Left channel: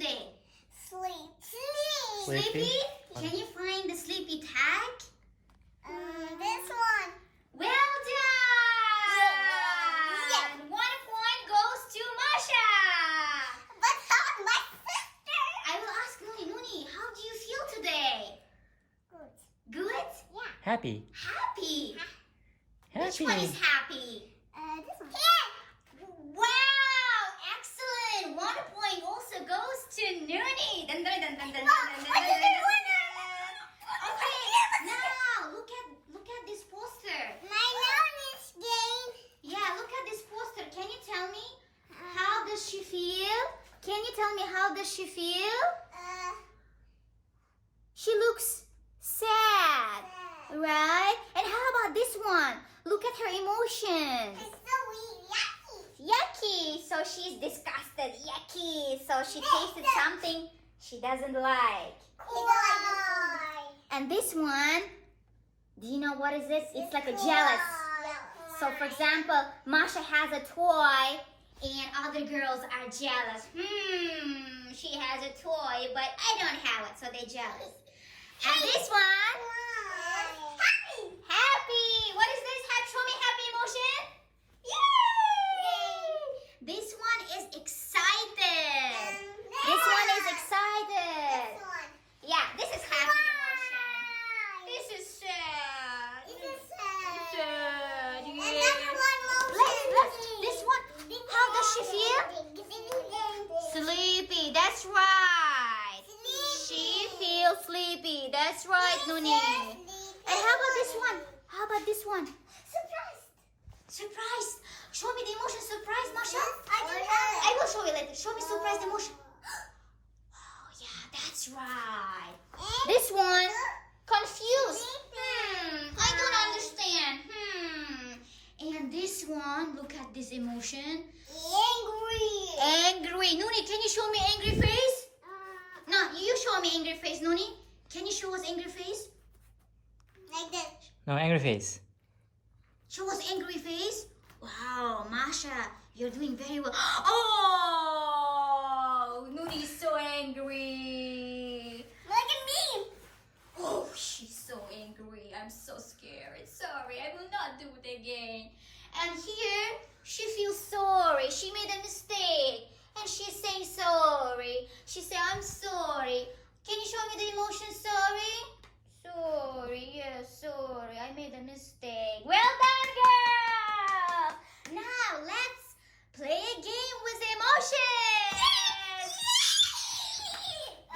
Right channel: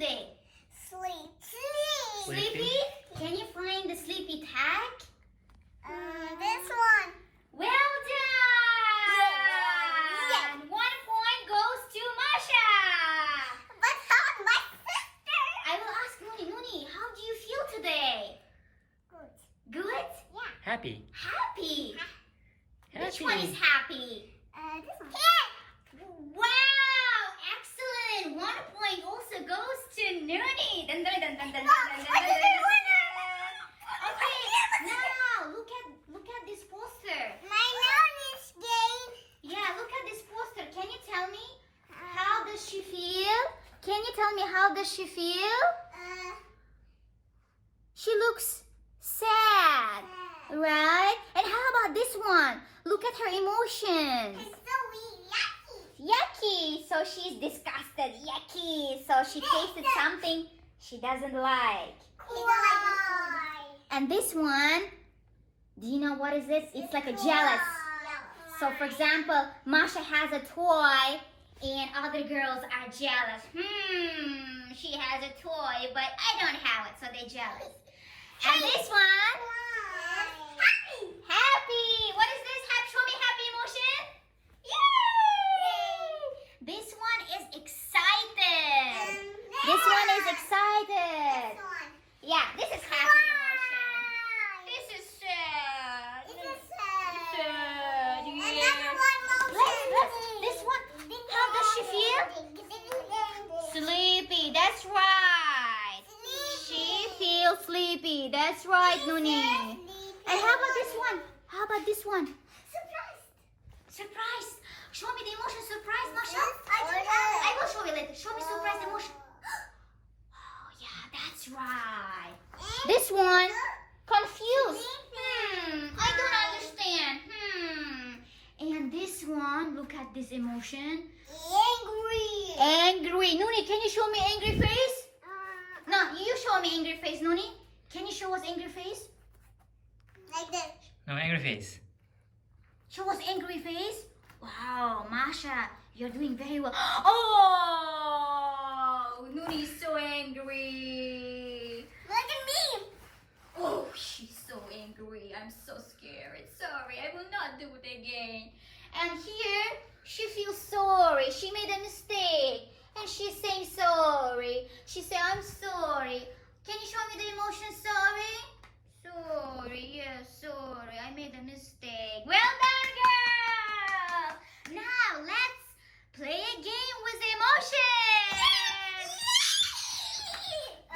today? Sleepy. Sleepy? Can you find the sleepy tag? This one. Well done! 1 point goes to Masha! But not my sister. I will ask Nuni, how do you feel today? Good. Good? Yeah. Happy. Happy? Which Happy. one is happy? This one. Wow! Excellent! 1 point also goes to Nuni. Dun, dun, dun, dun, dun, dun, dun, dun, I dun, didn't dun, win dun. Okay, now look at this poster. My nose game. Yeah, look at this poster. Can you tell me how does she feel? Can you tell me how does she feel? She looks sad, right? And how about this one? Look at her emotions. It's so yucky. Yucky. So she's disgusted. Yucky. So she tasted something she doesn't like. Why? And this one, do you know what is this? It's like a jealous. So for example, Masha has a toy and other girls are jealous. She has a toy, but I don't have it, so they're jealous. And this one, happy. What is this? Show me happy emotion. Yay! This one is excited. This one is excited. Yeah, this is happy emotion. This is sad. Sad. This one. How does she feel? Sleepy. That's right. She feels sleepy. That's right, Nuni. And how about this one? How about this one? Surprise. Show me the emotion. Surprise, Masha. I will show you later. Show me surprise emotion. Oh yeah, that's right. This one, confused. I don't understand. And this one, look at this emotion. Angry. Nuni, can you show me angry face? No, you show me angry face, Nuni. Can you show us angry face? Like this. No, angry face. Show us angry face. Wow, Masha, you're doing very well. Oh, Nuni is so angry. Look at me. Oh, she's so angry. I'm so scared. Sorry, I will not do it again. And here, she feels sorry. She made a mistake. And she's saying sorry. She said, I'm sorry. Can you show me the emotion sorry? Sorry, yes, sorry. I made a mistake. Well done, girl! Now, let's play a game with emotions.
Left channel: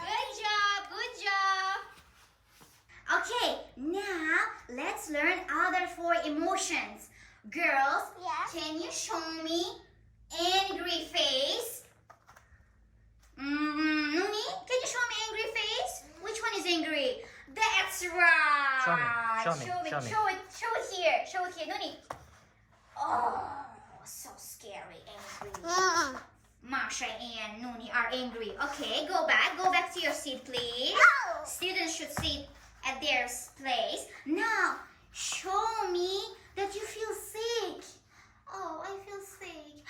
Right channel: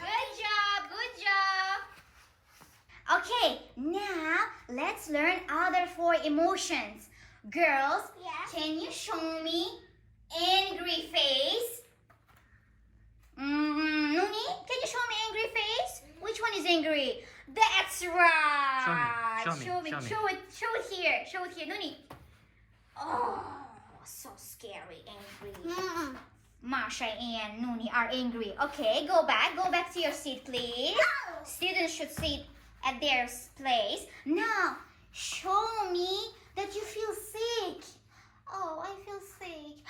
Good job, good job. Okay, now let's learn other 4 emotions. Girls, Yeah. can you show me angry face? Nuni, can you show me angry face? Which one is angry? That's right. Show me. Show it here. Show it here, Nuni. Oh, so scary, angry. Masha and Nuni are angry. Okay, go back to your seat, please. No. Students should sit at their place. Now, show me that you feel sick. Oh, I feel sick.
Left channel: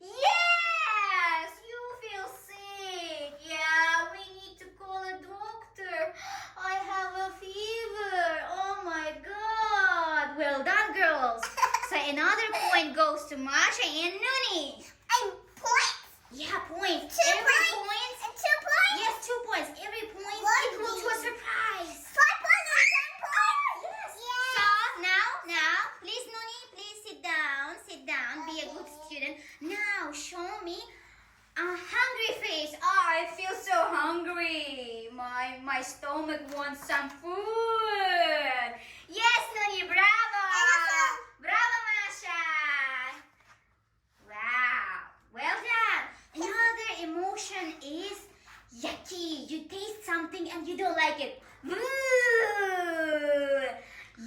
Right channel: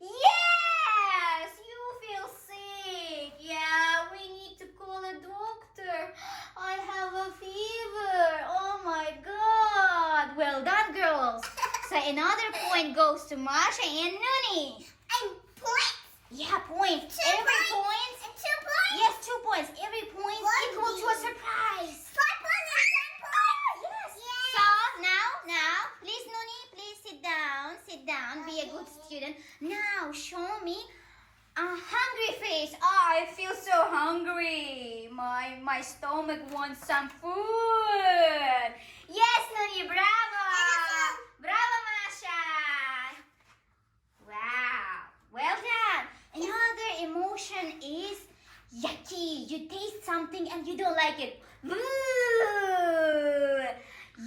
Yes, you feel sick. Yeah, we need to call a doctor. I have a fever. Oh my God. Well done, girls. So another point goes to Masha and Nuni. And points. Yeah, point. 2 Every points. point. And 2 points. Yes, 2 points. Every point equal to a surprise. 5 points and 10 points. Yes. Yeah. So now, please, Nuni, please sit down. Sit down. Be a good student. Now, show me a hungry face. Oh, I feel so hungry. My stomach wants some food. Yes, Nuni, bravo. Bravo, Masha. Wow. Well done. Another emotion is yucky. You taste something and you don't like it. Ooh.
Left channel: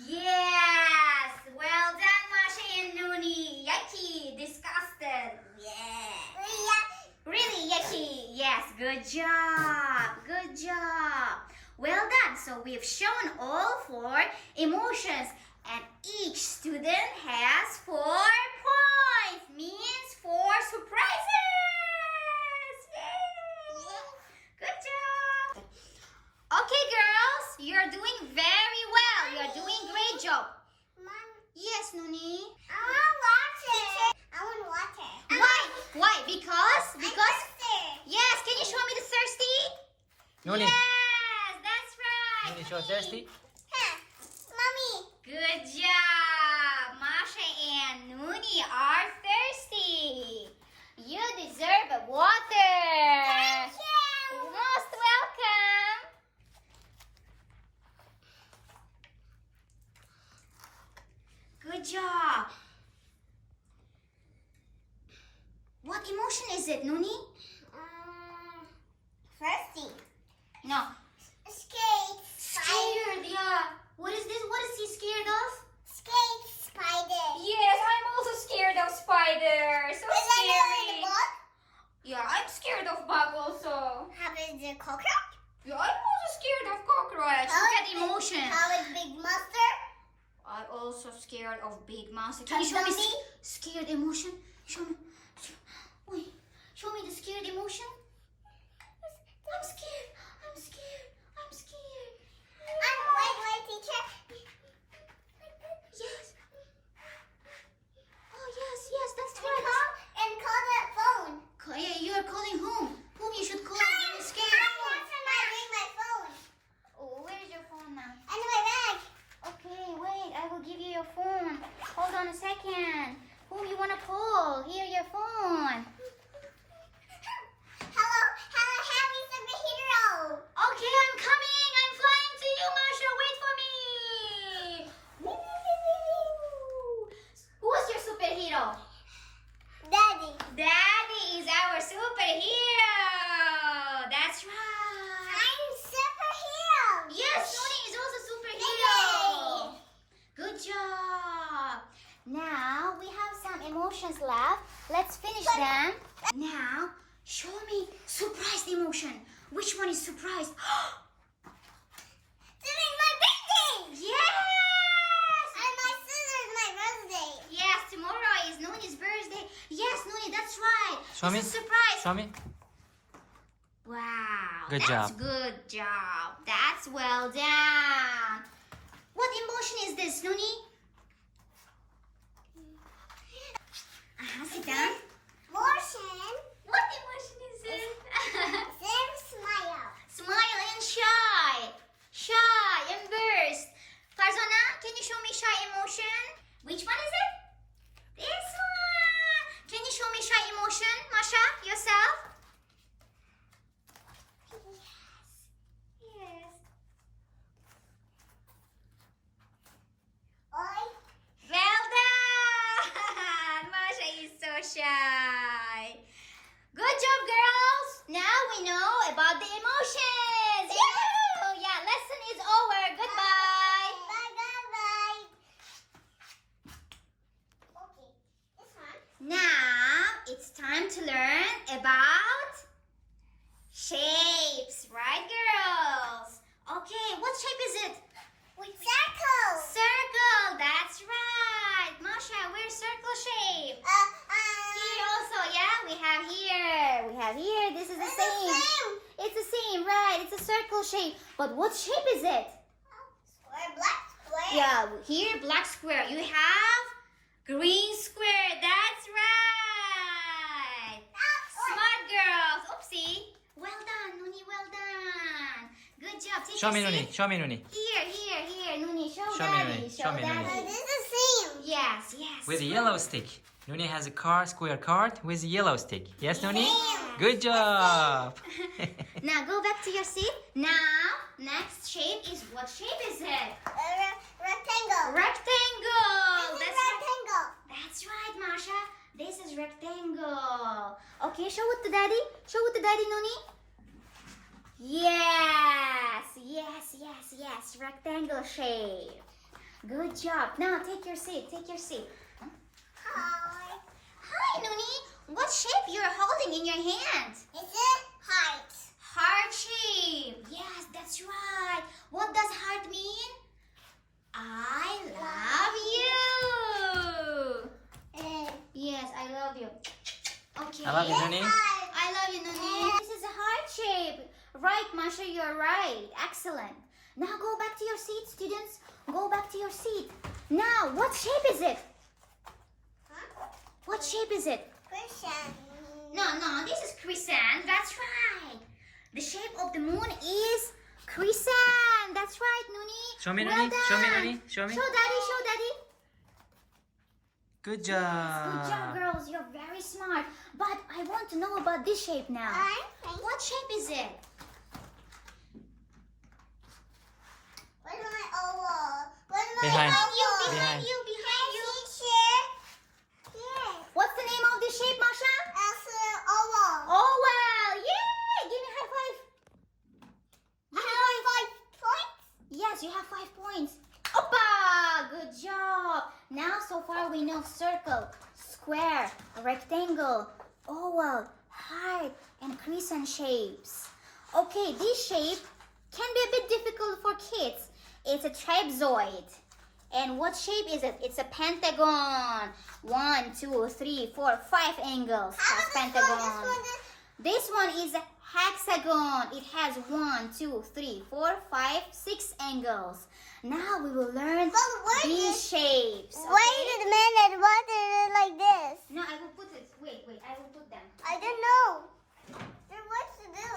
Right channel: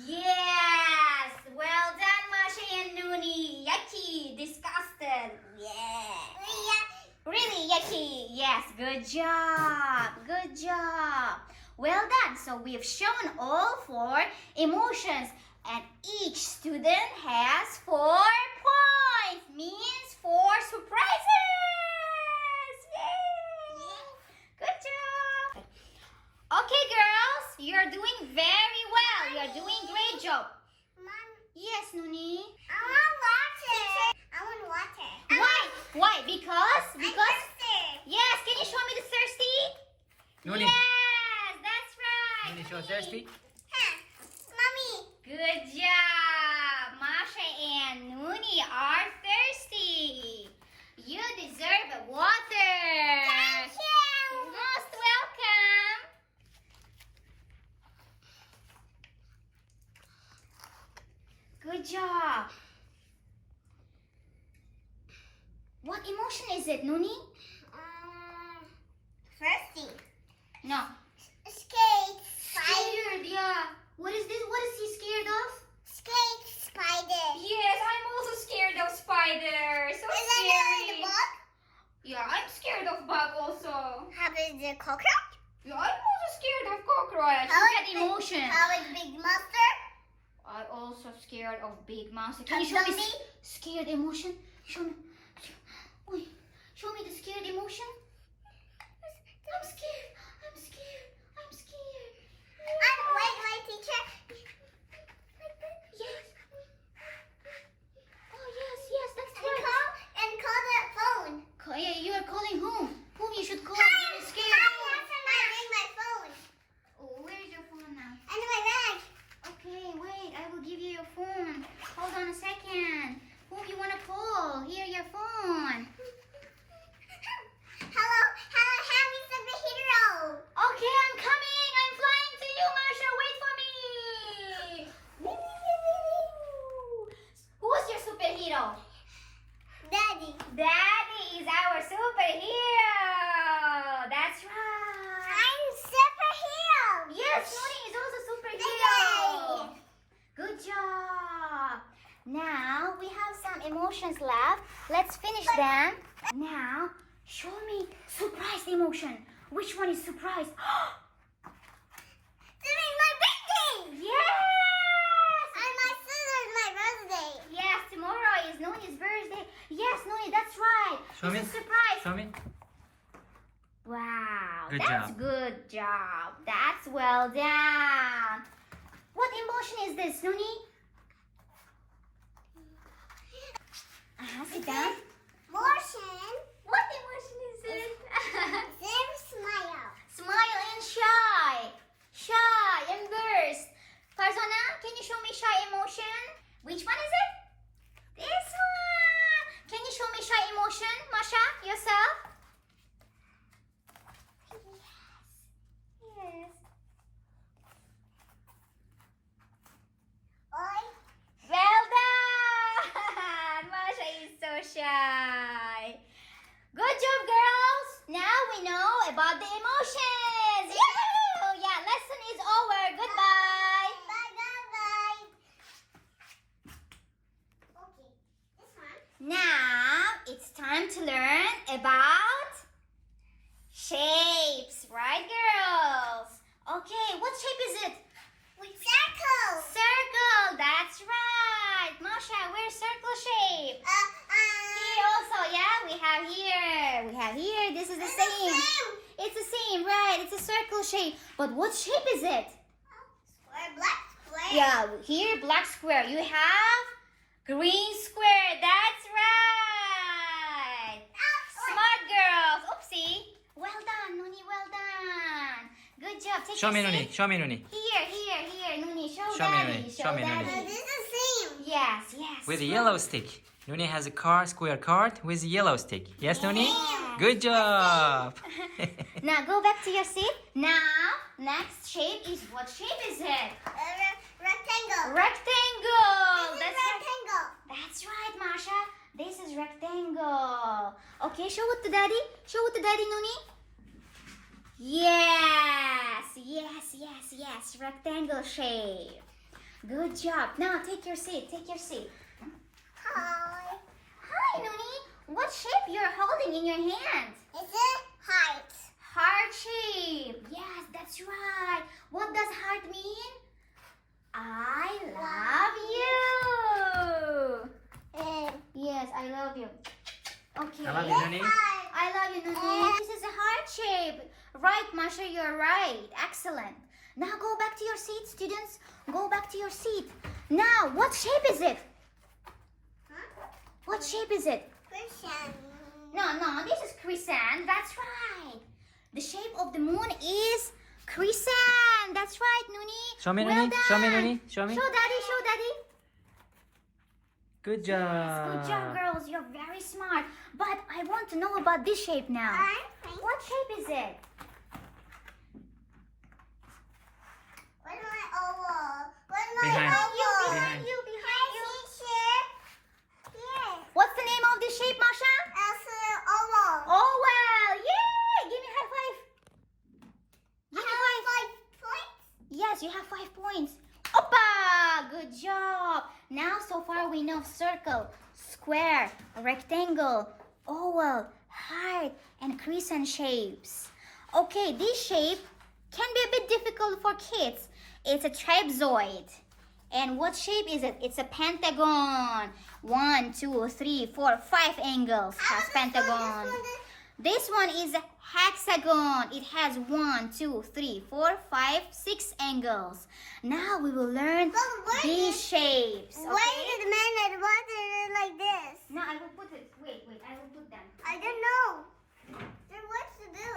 Yes. Well done, Masha and Nuni. Yucky. Disgusted. Yeah. Really yucky. Yes. Good job. Good job. Well done. So we've shown all 4 emotions. And each student has 4 points. Means 4 surprises. Nuni. Yes, that's right. Nuni, show Nuni. thirsty. Mommy. Good job. Masha and Nuni are thirsty. You deserve water. Thank you. Most welcome. Good job. What emotion is it, Nuni? Thirsty. No. Scared. Scared, yeah. What is this? What is he scared of? Scared spider. Yes, I'm also scared of spiders. So Is that the scary. bug? Yeah, I'm scared of bug also. How is the cockroach? Yeah, I'm also scared of cockroach. How Look is at emotion. How is big monster? I'm also scared of big monster. Can you show me Zombie? scared emotion? Show me. Wait, show me the scared emotion. I'm scared. I'm scared. I'm scared. Wait, teacher. Yes. Oh yes, that's And right. call that phone. Yeah, you are calling whom? Whom you should call Hi, when you're scared? I bring my phone. Oh, where's your phone now? And my bag. Okay, wait, I will give you your phone. Hold on a second. Whom you want to call? Here, your phone. Hello, happy superhero. Okay, I'm coming. I'm flying to you, Masha. Wait for me. Who is your superhero? Daddy. Daddy is our superhero. That's right. I'm superhero. Yes, Nuni is also superhero. Good job. Now we have some emotions left. Let's finish them. Now, show me surprised emotion. Which one is surprised? Today's my birthday. Yes! And my sister's my birthday. Yes, tomorrow is Nuni's birthday. Yes, Nuni, that's right. Show It's me. a surprise. Show me. Wow, Good that's job. good job. That's well done. What emotion is this, Nuni? Sit down. Motion. What emotion is it? Then smile. Smile and shy. Shy and burst. Farzana, can you show me shy emotion? Which one is it? This one. Can you show me shy emotion, Masha, yourself? Yes. Oi. Well done! Masha is so shy. Good job, girls. Now we know about the emotions. Oh yeah, lesson is over. Goodbye. Bye. Okay, this one. Now it's time to learn about shapes, right, girls? Okay, what shape is it? With circle. Circle. That's right. Masha, where's circle shape? Here also, yeah, we have here. This is the same. It's the same, right? It's a circle shape. But what shape is it? Square, black square. Yeah, here black square. You have green square. That's right. Smart girls. Oopsie. Well done, Nuni. Well done. Good job. Take Show a me, Nuni. seat. Show me, Nuni. Here, Nuni. Show Show me, Daddy. Nuni. Show me, Nuni. Daddy. This is the same. Yes. With a yellow stick. Nuni has a square card with a yellow stick. Yes, Nuni? Yeah. Good job. Now go back to your seat. Now, next shape is, what shape is it? Rectangle. Rectangle. This is That's right. rectangle. That's right, Masha. This is rectangle. Okay, show it to Daddy. Show it to Daddy, Nuni. Yes. Rectangle shape. Good job. Now take your seat. Hi. Hi, Nuni. What shape you're holding in your hand? Is it height? Heart shape. Yes, that's right. What does heart mean? I love you. Yes, I love you. Okay. I love you, Nuni. I love you, Nuni. This is a heart shape. Right, Masha, you're right. Excellent. Now go back to your seat, students. Go back to your seat. Now, what shape is it? Huh? What shape is it? Christian. No, this is crescent. That's right. The shape of the moon is crescent. That's right, Nuni. Show me, Well Nuni. Show me, done. Nuni. Show me. Show Daddy. Show Daddy. Good Good job, job. girls. You're very smart. But I want to know about this shape now. What shape is it? Where's my oval? Where's my Behind. oval? Behind you. Behind you. Here. What's the name of this shape, Masha? That's an oval. Oh, well. Yay! Give me high five. I have 5 points. Yes, you have 5 points. Oppa! Good job. Now, so far we know circle, square, rectangle, oval, heart, and crescent shapes. Okay, this shape can be a bit difficult for kids. It's a trapezoid. And what shape is it? It's a pentagon. 1, 2, 3, 4, 5 angles has pentagon. This one is a hexagon. It has 1, 2, 3, 4, 5, 6 angles. Now we will learn these shapes. Wait Okay? a minute. What is it like this? No, I will put it. Wait. I will put them. I don't know. Then what to do?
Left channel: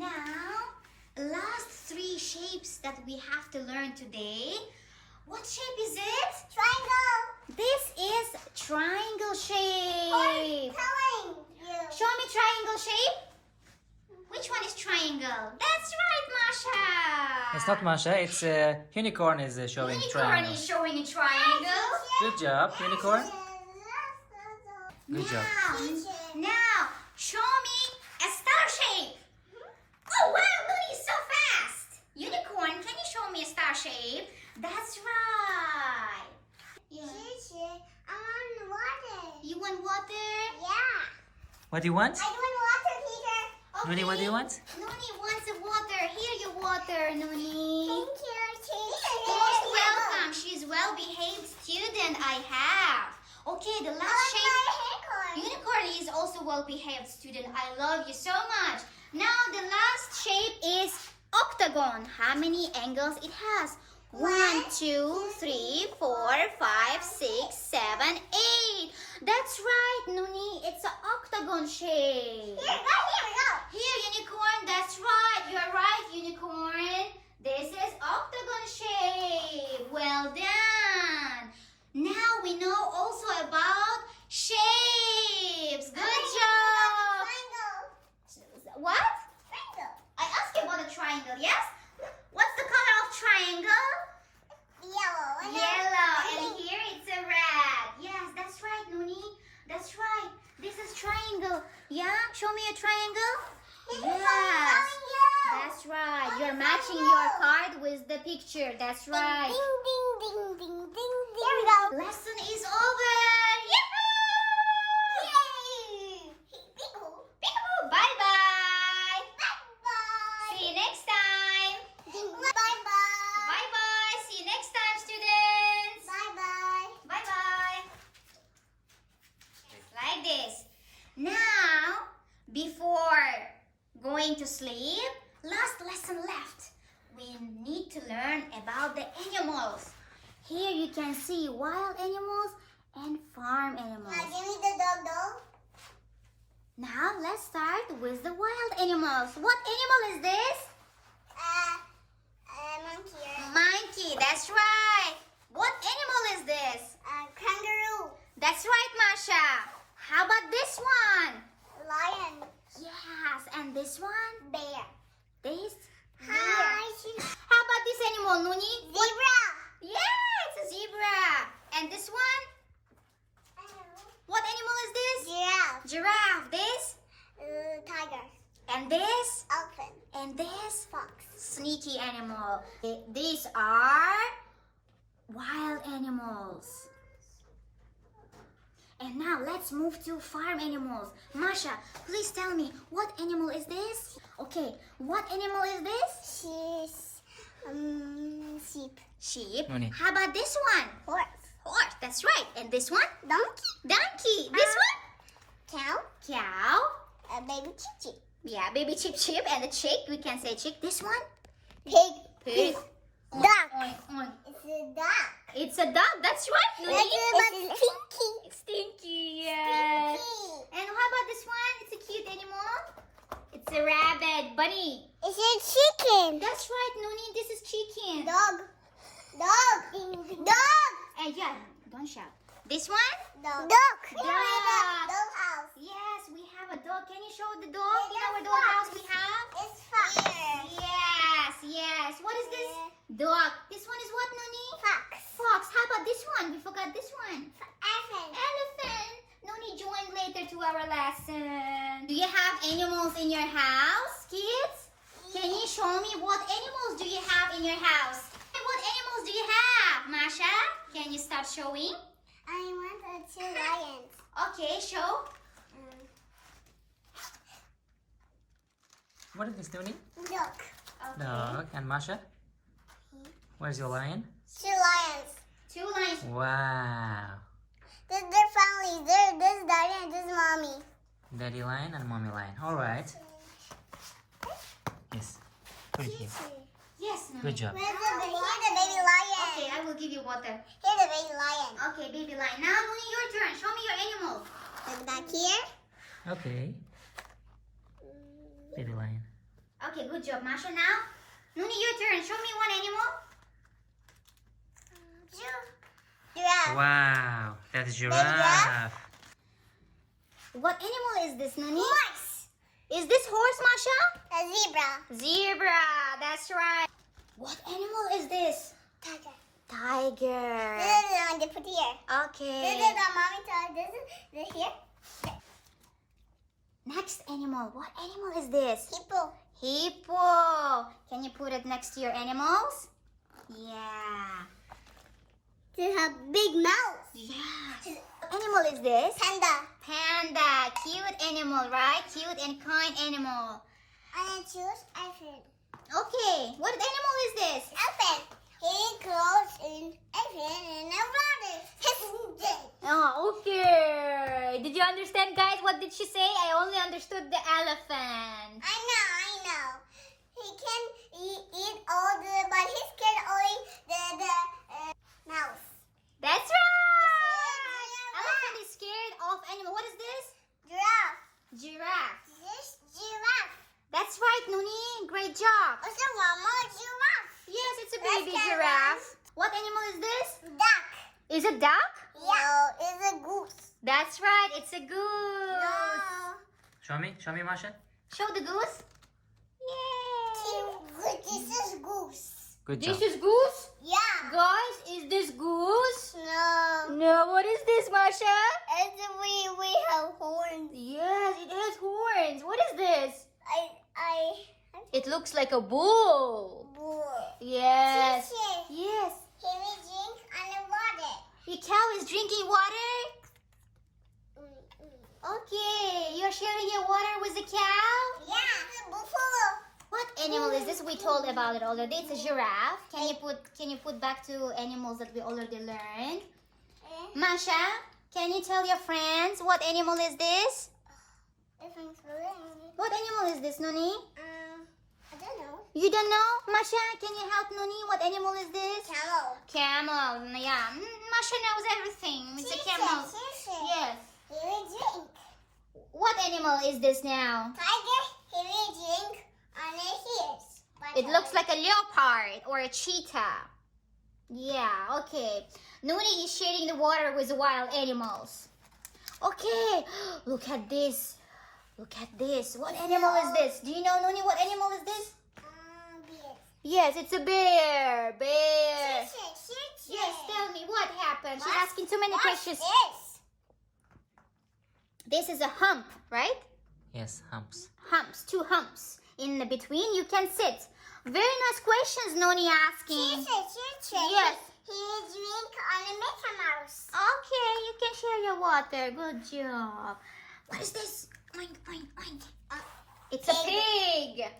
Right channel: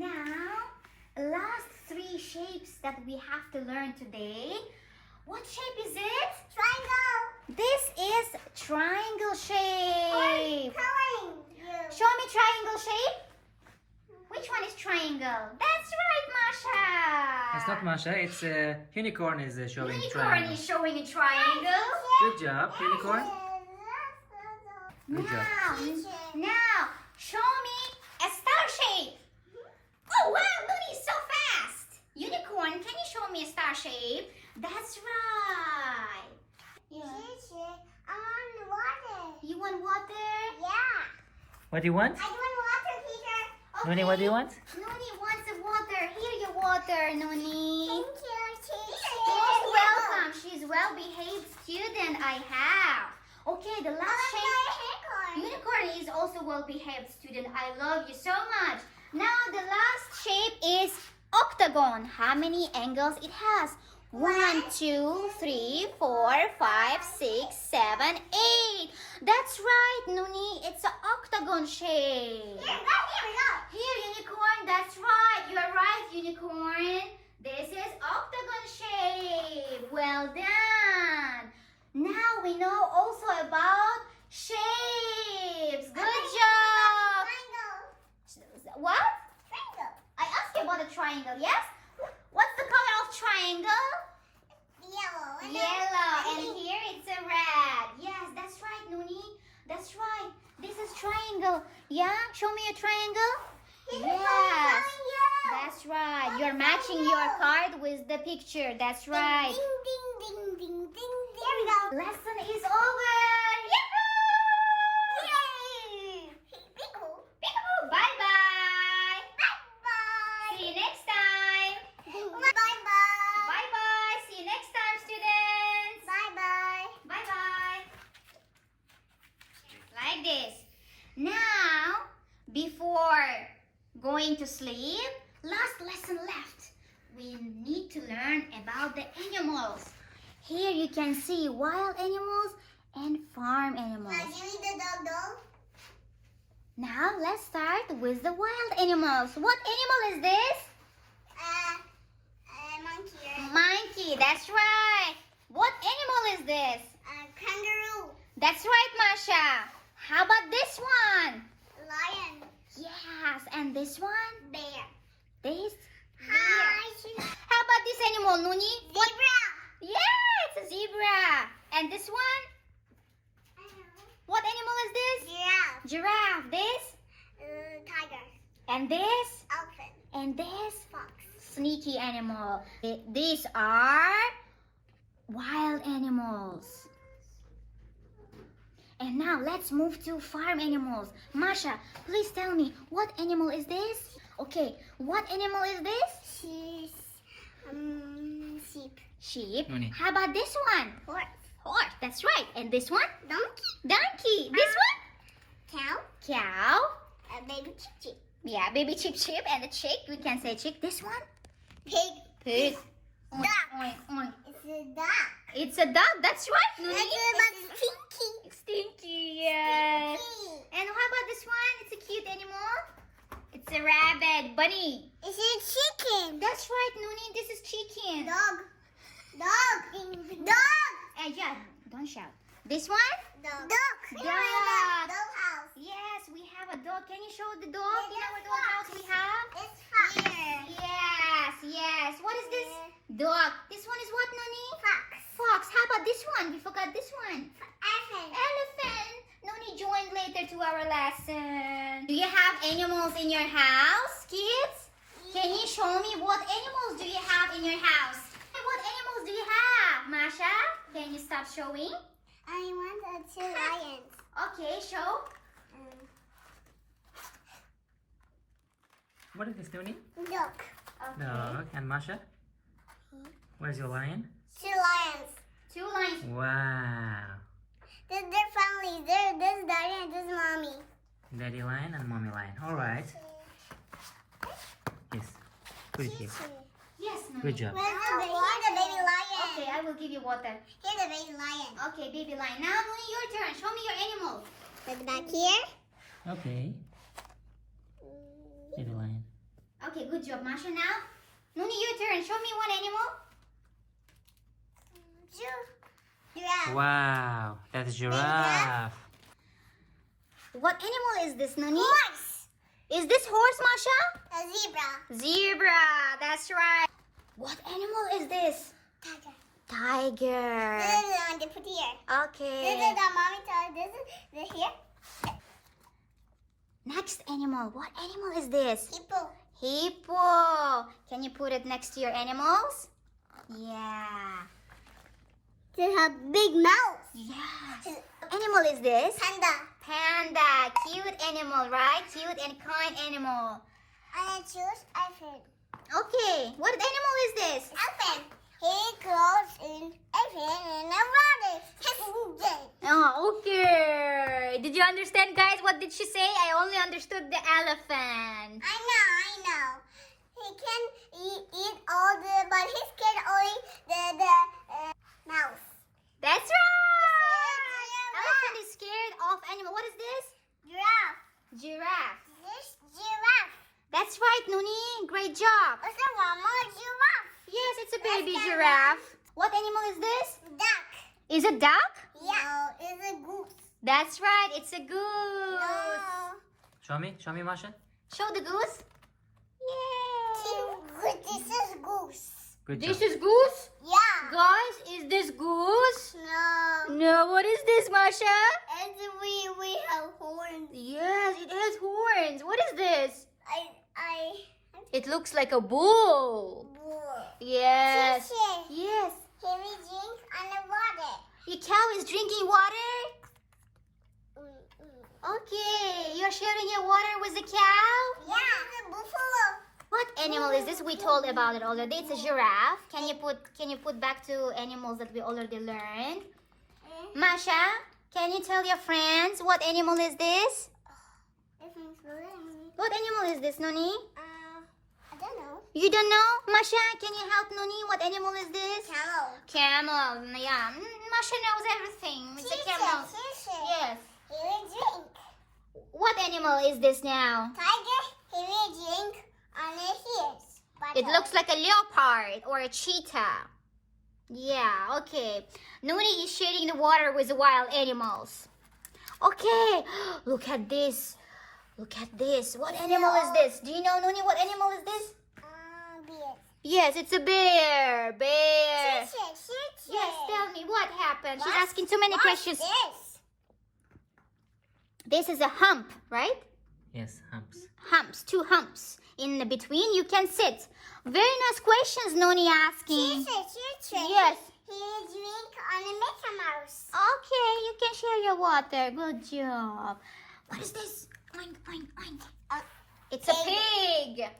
Now, last 3 shapes that we have to learn today. What shape is it? Triangle. This is triangle shape. Telling you. Show me triangle shape. Which one is triangle? That's right, Masha. That's not Masha. It's unicorn is showing Unicorn triangle. is showing a triangle. Good job, unicorn. Good job. Now, show me a star shape. Oh, wow, Nuni, so fast. Unicorn, can you show me a star shape? That's right. I want water. You want water? Yeah. What do you want? I want water, Peter. Nuni, what do you want? Nuni wants the water. Here your water, Nuni. Thank you, teacher. Most welcome. She's well-behaved student I have. Okay, the last shape. Unicorn is also well-behaved student. I love you so much. Now the last shape is octagon. How many angles it has? 1, 2, 3, 4, 5, 6, 7, 8. That's right, Nuni. It's an octagon shape. Here we go. Here, unicorn. That's right. You're right, unicorn. This is octagon shape. Well done. Now we know also about shapes. Good job. Triangle. What? Triangle. I asked you about a triangle, yes? What's the color of triangle? Yellow. Yellow. And here it's a red. Yes, that's right, Nuni. That's right. This is triangle. Yeah? Show me a triangle. Yes. That's right. You're matching your card with the picture. That's right. Ding, ding, ding, ding, ding. Here we go. Lesson is over. Yahoo! Yay! Peekaboo. Peekaboo. Bye-bye. Bye-bye. See you next time. Bye-bye. Bye-bye. See you next time, students. Bye-bye. Bye-bye. Like this. Now, before going to sleep, last lesson left. We need to learn about the animals. Here you can see wild animals and farm animals. Now give me the dog doll. Now let's start with the wild animals. What animal is this? Monkey. Monkey, that's right. What animal is this? Kangaroo. That's right, Masha. How about this one? Lion. Yes, and this one? Bear. This? Hi. How about this animal, Nuni? Zebra. Yeah, it's a zebra. And this one? What animal is this? Giraffe. Giraffe. This? Tiger. And this? Elephant. And this? Fox. Sneaky animal. These are wild animals. And now let's move to farm animals. Masha, please tell me, what animal is this? Okay, what animal is this? Sheep. Sheep. Nuni. How about this one? Horse. Horse, that's right. And this one? Donkey. Donkey. This one? Cow. Cow. Baby chick. Yeah, baby chip. And the chick, we can say chick. This one? Pig. Pig. Duck. Oink, oink. It's a duck. It's a dog, that's right, Nuni. It's stinky. It's stinky, yes. Stinky. And how about this one? It's a cute animal. It's a rabbit. Bunny. It's a chicken. That's right, Nuni. This is chicken. Dog. Yeah, don't shout. This one? Dog. Dog. Dog house. Yes, we have a dog. Can you show the dog? Yeah, In our that's dog fox. house we have? It's fox. Yes. What is this? Dog. This one is what, Nuni? Fox. Fox. How about this one? We forgot this one. Elephant. Elephant. Nuni joined later to our lesson. Do you have animals in your house, kids? Can you show me what animals do you have in your house? And what animals do you have, Masha? Can you start showing? I want two lions. Okay, show. What is this, Nuni? Duck. Okay. Dog. And Masha? Where's your lion? Two lions. Two lions. Wow. They're family. This daddy and this mommy. Daddy lion and mommy lion. All right. Yes. Good job. Yes, Nuni. Good job. Here's the baby lion. Okay, I will give you water. Here's the baby lion. Okay, baby lion. Now, Nuni, your turn. Show me your animals. Look back here. Okay. Baby lion. Okay, good job, Masha. Now, Nuni, your turn. Show me one animal. Giraffe. Wow. That's giraffe. What animal is this, Nuni? Horse. Is this horse, Masha? A zebra. Zebra. That's right. What animal is this? Tiger. Tiger. This is the one they put here. Okay. This is the mommy toy. This is the here. Next animal. What animal is this? Hippo. Hippo. Can you put it next to your animals? Yeah. They have big mouth. Yeah. What animal is this? Panda. Panda. Cute animal, right? Cute and kind animal. I choose elephant. Okay. What animal is this? Elephant. He grows in elephant in the water. Oh, okay. Did you understand, guys? What did she say? I only understood the elephant. I know. He can eat all the, but he's scared only the mouse. That's right. Elephant is scared of animal. What is this? Giraffe. Giraffe. This giraffe. That's right, Nuni. Great job. What's the one more giraffe? Yes, it's a baby That's giraffe. What animal is this? Duck. Is it duck? Yeah. No, it's a goose. That's right. It's a goose. No. Show me, Masha. Show the goose. Yay. This is goose. Good job. This is goose? Yeah. Guys, is this goose? No. No, what is this, Masha? We have horns. Yes, it has horns. What is this? It It looks like a bull. Yes. Yes. Yes. Can we drink on the water? Your cow is drinking water? Okay. You're sharing your water with the cow? Yeah. The buffalo. What animal is this? We told about it already. It's a giraffe. Can you put back to animals that we already learned? Masha, can you tell your friends what animal is this? What animal is this, Nuni? I don't know. You don't know? Masha, can you help Nuni? What animal is this? Camel. Camel. Yeah. Masha knows everything. It's a camel. Yes. He will drink. What animal is this now? Tiger. He will drink on his ears. It looks like a leopard or a cheetah. Yeah, okay. Nuni is sharing the water with the wild animals. Okay, look at this. Look at this. What animal is this? Do you know, Nuni, what animal is this? Bear. Yes, it's a bear. Bear. Chicken. Yes, tell me what happened. What? She's asking too many What's questions. this? This is a hump, right? Yes, humps. Humps, two humps. In the between, you can sit. Very nice questions, Noni asking. Chicken. Yes. He will drink on a Mickey Mouse. Okay, you can share your water. Good job. What is this? Oink, oink, oink. It's a pig.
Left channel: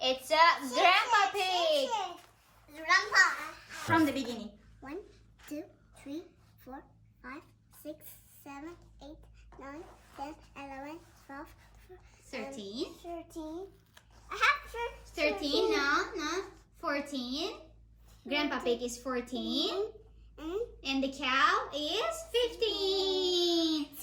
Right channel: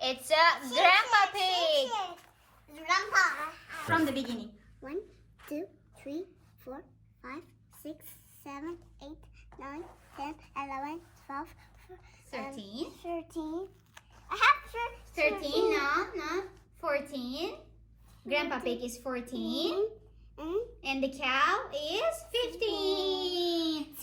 It's a grandpa pig. Grandpa. From the beginning. 1, 2, 3, 4, 5, 6, 7, 8, 9, 10, 11, 12, 13. 13. I have 13, no. 14. Grandpa pig is 14. And the cow is 15. 15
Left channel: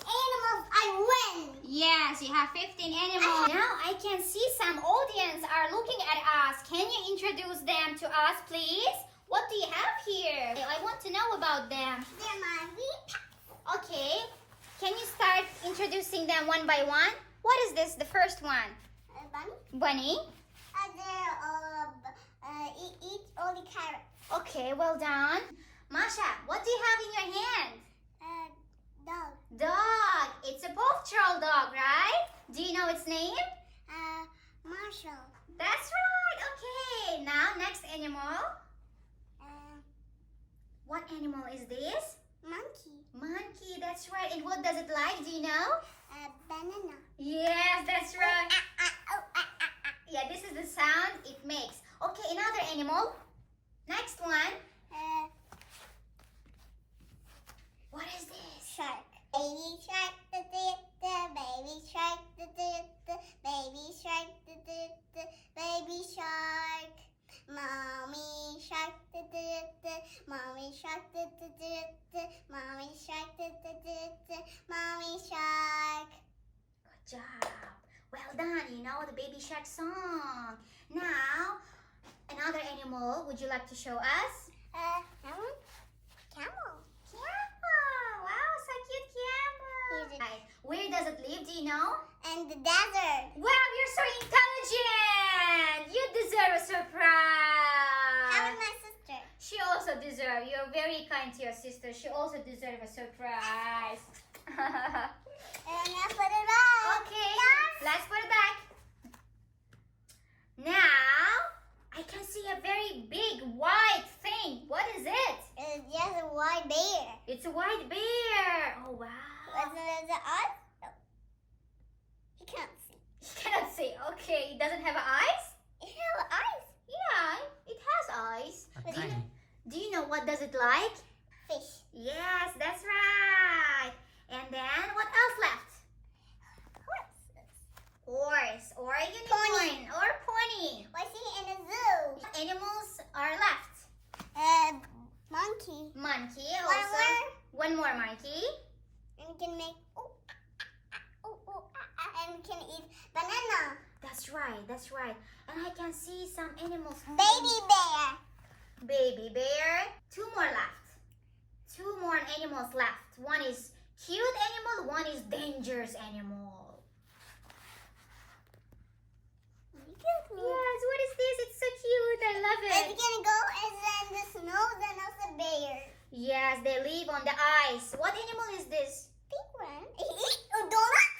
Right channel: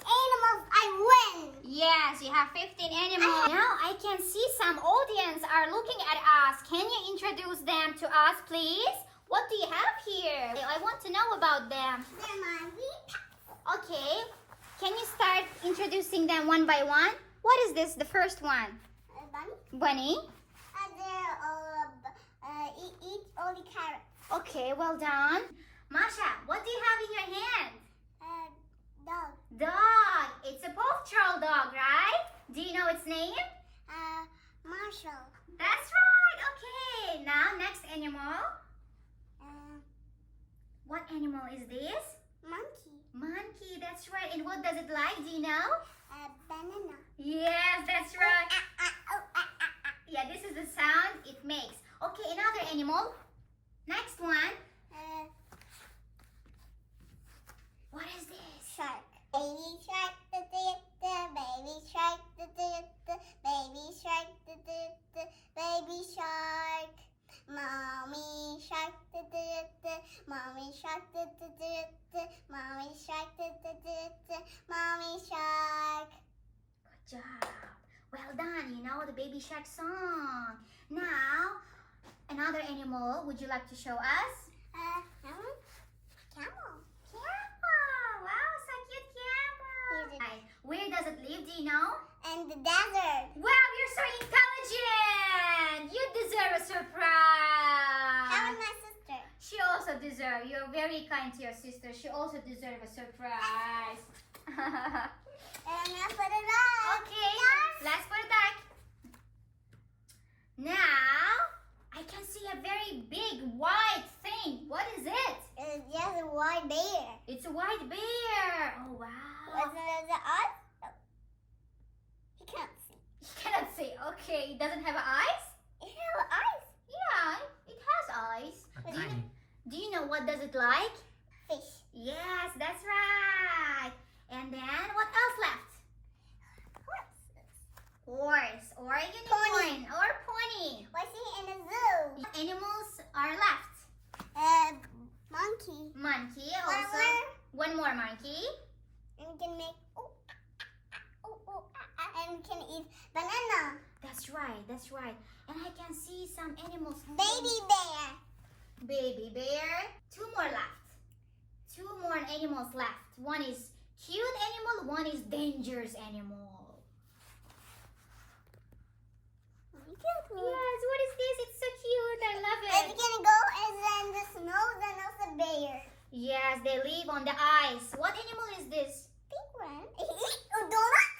animals. I win. Yes, you We have 15 animals. Now I can see some audience are looking at us. Can you introduce them to us, please? What do you have here? I want to know about them. They're my wee Okay. Can you start introducing them one by one? What is this, the first one? bunny. Bunny. Eat all the carrots. Okay, well done. Masha, what do you have in your hand? Dog. Dog. It's a Paw Patrol dog, right? Do you know its name? Marshall. That's right. Okay. Now, next animal. What animal is this? Monkey. Monkey. That's right. And what does it like? Do you know? Banana. Yes, that's right. Yeah, this is the sound it makes. Okay, another animal. Next one. What is this? Shark. Baby shark, baby shark, baby shark, baby shark. Mommy shark, mommy shark, mommy shark, mommy shark. Good job. Well done. You know the Baby Shark song. Now, another animal. Would you like to show us? Camel. Camel. Wow, so cute camel. Where does it live? Do you know? And the desert. Wow, you're so intelligent. You deserve a surprise. How is my sister? She also deserves. You're very kind to your sister. She also deserves a surprise. And I'm gonna put it back. Okay, let's put it back. Now, I can see a very big white thing. What is it? It's just a white bear. It's a white bear. Oh, wow. Was it us? No. He can't see. You cannot see. Okay, it doesn't have eyes? It has eyes. Yeah, it has eyes. But tiny. Do you know what does it like? Fish. Yes, that's right. And then what else left? Horse or a unicorn Pony. or pony. Was he in a zoo? Animals are left. Monkey. Monkey One also. more. One more monkey. And we can make and we can eat banana. That's right, that's right. And I can see some animals. Baby bear. Baby bear. Two more left. Two more animals left. One is cute animal, one is dangerous animal. Yes, what is this? It's so cute. I love And we it. can go and then the snow and also bear. Yes, they live on the ice. What animal is this? Penguin. He eats a donut?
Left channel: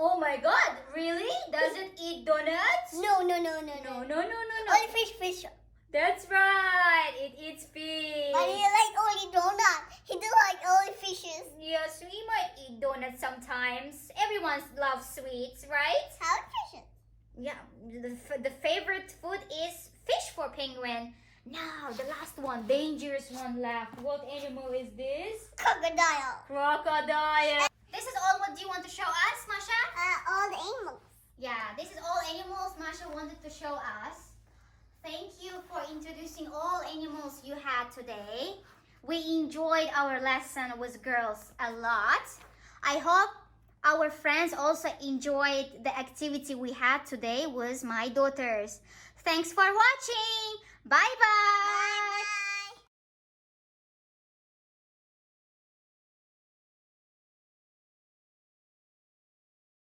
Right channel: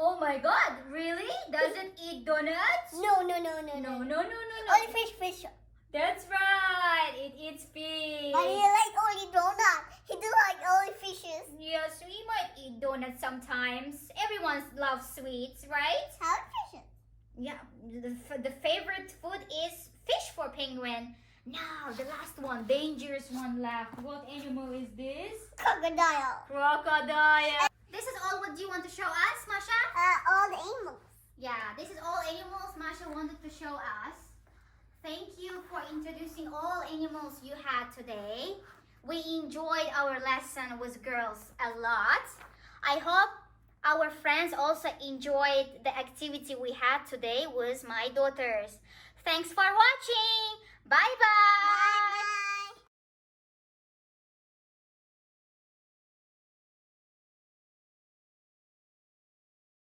Oh my god, really? Does it eat donuts? No. No. Only fish. That's right. It eats fish. But he like only donut. He do like only fishes. Yes, we might eat donuts sometimes. Everyone loves sweets, right? How fishes? Yeah, the favorite food is fish for penguin. Now, the last one, dangerous one left. What animal is this? Crocodile. Crocodile. This is all what you want to show us, Masha? All the animals. Yeah, this is all animals Masha wanted to show us. Thank you for introducing all animals you had today. We enjoyed our lesson with girls a lot. I hope our friends also enjoyed the activity we had today with my daughters. Thanks for watching. Bye-bye. Bye.